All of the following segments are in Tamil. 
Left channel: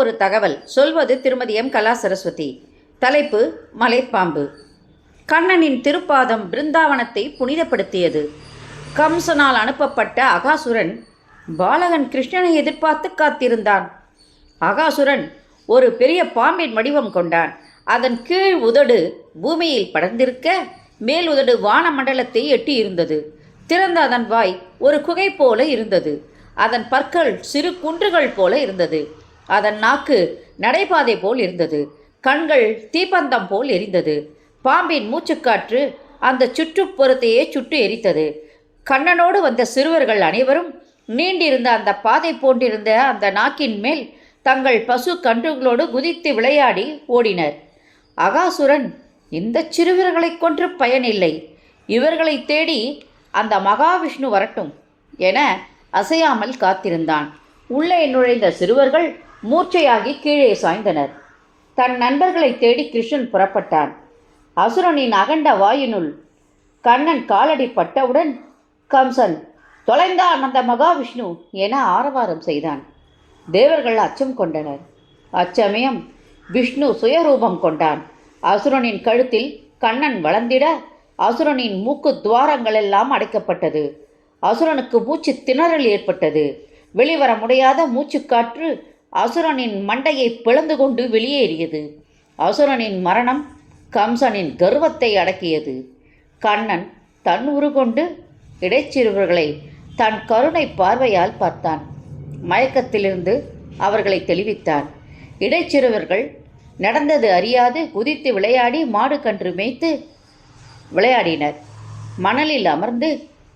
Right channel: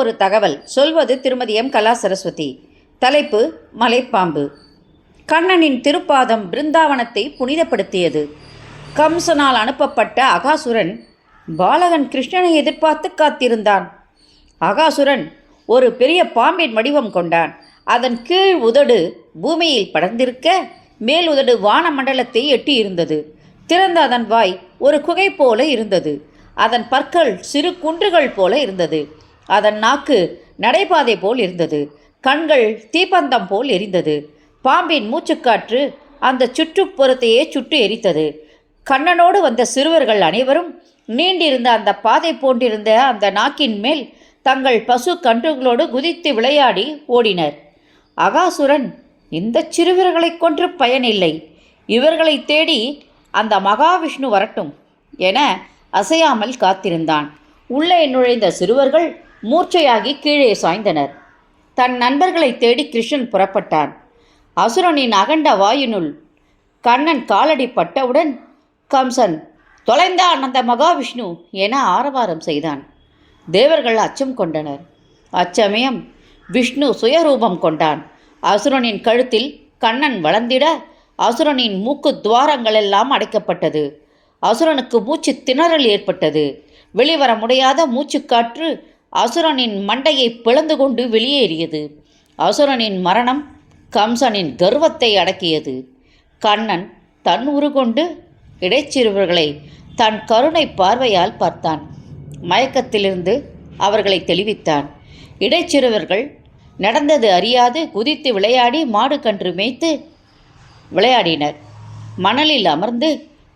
ஒரு தகவல். சொல்வது திருமதி எம். கலா சரஸ்வதி. தலைப்பு மலைப்பாம்பு. கண்ணனின் திருப்பாதம் பிருந்தாவனத்தை புனிதப்படுத்தியது. கம்சனால் அனுப்பப்பட்ட அகாசுரன் பாலகன் கிருஷ்ணனை எதிர்பார்த்து காத்திருந்தான். அகாசுரன் ஒரு பெரிய பாம்பின் வடிவம் கொண்டான். அதன் கீழ் உதடு பூமியில் படர்ந்திருக்க, மேல் உதடு வான மண்டலத்தை எட்டியிருந்தது. திறந்த அதன் வாய் ஒரு குகை போல இருந்தது. அதன் பற்கள் சிறு குன்றுகள் போல இருந்தது. அதன் நாக்கு நடைபாதை போல் இருந்தது. கண்கள் தீப்பந்தம் போல் எரிந்தது. பாம்பின் மூச்சுக்காற்று அந்த சுற்றுப்புறத்தையே சுட்டு எரித்தது. கண்ணனோடு வந்த சிறுவர்கள் அனைவரும் நீண்டிருந்த அந்த பாதை போன்றிருந்த அந்த நாக்கின் மேல் தங்கள் பசு கன்றுகளோடு குதித்து விளையாடி ஓடினர். அகாசுரன், இந்த சிறுவர்களை கொன்று பயனில்லை, இவர்களை தேடி அந்த மகாவிஷ்ணு வரட்டும் என அசையாமல் காத்திருந்தான். உள்ளே நுழைந்த சிறுவர்கள் மூர்ச்சையாகி கீழே சாய்ந்தனர். தன் நண்பர்களை தேடி கிருஷ்ணன் புறப்பட்டான். அசுரனின் அகண்ட வாயினுள் கண்ணன் காலடி பட்டவுடன் கம்சன், தொலைந்தான் அந்த மகாவிஷ்ணு என ஆரவாரம் செய்தான். தேவர்கள் அச்சம் கொண்டனர். அச்சமயம் விஷ்ணு சுயரூபம் கொண்டான். அசுரனின் கழுத்தில் கண்ணன் வளர்ந்திட அசுரனின் மூக்கு துவாரங்களெல்லாம் அடைக்கப்பட்டது. அசுரனுக்கு மூச்சு திணறல் ஏற்பட்டது. வெளிவர முடியாத மூச்சுக்காற்று அசுரனின் மண்டையை பிளந்து கொண்டு வெளியேறியது. அசுரனின் மரணம் கம்சனின் கர்வத்தை அடக்கியது. கண்ணன் தன் உருகொண்டு இடைச்சிறுவர்களை தன் கருணை பார்வையால் பார்த்தான். மயக்கத்திலிருந்து அவர்களை தெளிவித்தான். இடைச்சிறுவர்கள் நடந்தது அறியாது குதித்து விளையாடி மாடு கன்று மேய்த்து விளையாடினர். மணலில் அமர்ந்து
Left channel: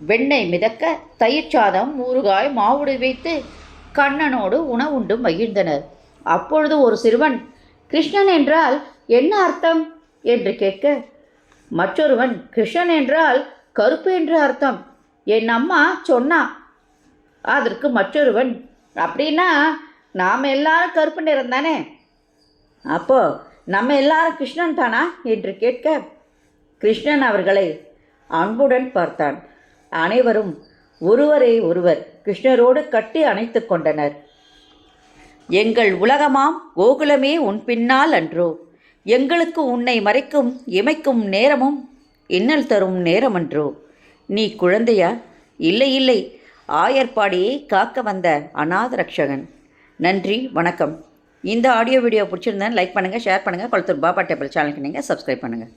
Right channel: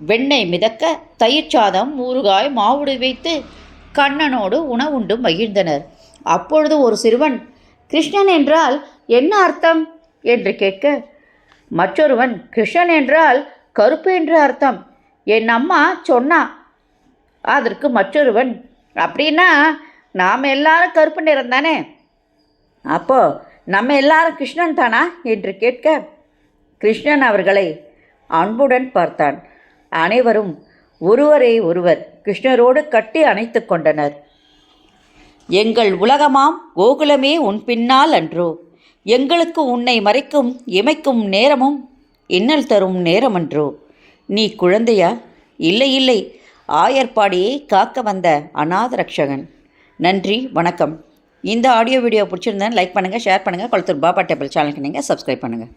வெண்ணெய் மிதக்க தயிர் சாதம், ஊறுகாய், மாவுடு வைத்து கண்ணனோடு உணவுண்டு மகிழ்ந்தனர். அப்பொழுது ஒரு சிறுவன், கிருஷ்ணன் என்றால் என்ன அர்த்தம் என்று கேட்க, மற்றொருவன், கிருஷ்ணன் என்றால் கருப்பு என்று அர்த்தம், என் அம்மா சொன்னா. அதற்கு மற்றொருவன், அப்படின்னா நாம் எல்லாரும் கருப்பு நிறம் தானே, அப்போ நம்ம எல்லாரும் கிருஷ்ணன் தானா என்று கேட்க, கிருஷ்ணன் அவர்களை அன்புடன் பார்த்தான். அனைவரும் ஒருவரை ஒருவர் கிருஷ்ணரோடு கட்டி அணைத்து கொண்டனர். எங்கள் உலகமாம் கோகுலமே உன் பின்னால் அன்றோ, எங்களுக்கு உன்னை மறைக்கும் இமைக்கும் நேரமும் இன்னல் தரும் நேரமன்றோ, நீ குழந்தையா? இல்லை இல்லை, ஆயர்பாடியை காக்க வந்த அநாத ரக்ஷகன். நன்றி, வணக்கம். இந்த ஆடியோ வீடியோ பிடிச்சிருந்தேன் லைக் பண்ணுங்கள், ஷேர் பண்ணுங்கள். கொளத்தூர் பாபா டேபிள் சேனலுக்கு நீங்கள் சப்ஸ்கிரைப் பண்ணுங்கள்.